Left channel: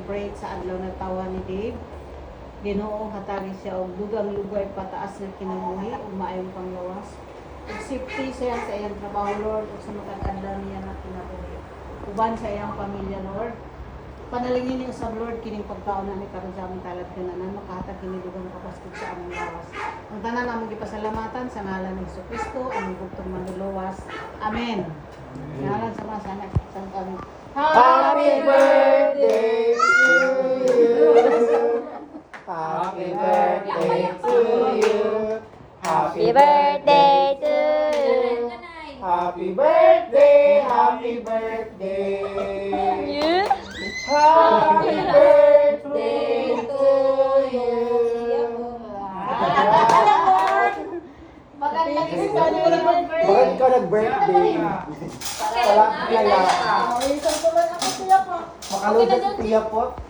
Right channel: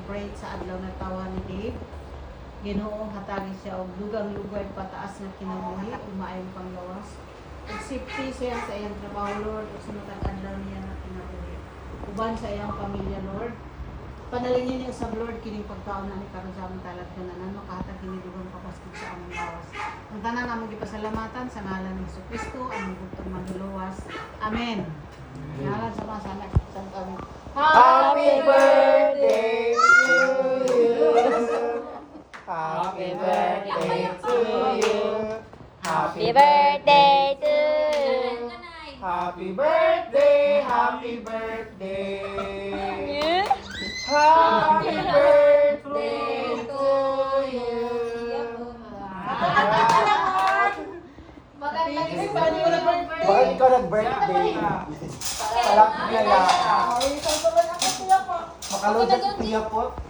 celebrate sa adlaw na tawa ni Dave. Ginoo hatagi siya og dugang lugway pataas nga kinabuhi ug maayong panglawas. Ug safety siya sa iyang trabaho, Lord, ug sa matag-adlaw niya na kinabuhi. Uban sa iyang pamilya, Lord. Panalangin niyo sa Lord kining pagkaon na ni karon sa among talad kananan makahatag kini dugang kapaskid sa among lawas. Ang tanan namong gipasalamatan sa ngalan ni Jesucristo, among bugtong manluluwas. Amen. Ngalan sa mga sanak sang kami. Happy birthday to you. Happy birthday to you. Happy birthday to you. Happy birthday, happy birthday. Happy birthday to you. Magandang birthday. Magandang ka nag-birthday. Palapit na. Makalunod sa tiya po.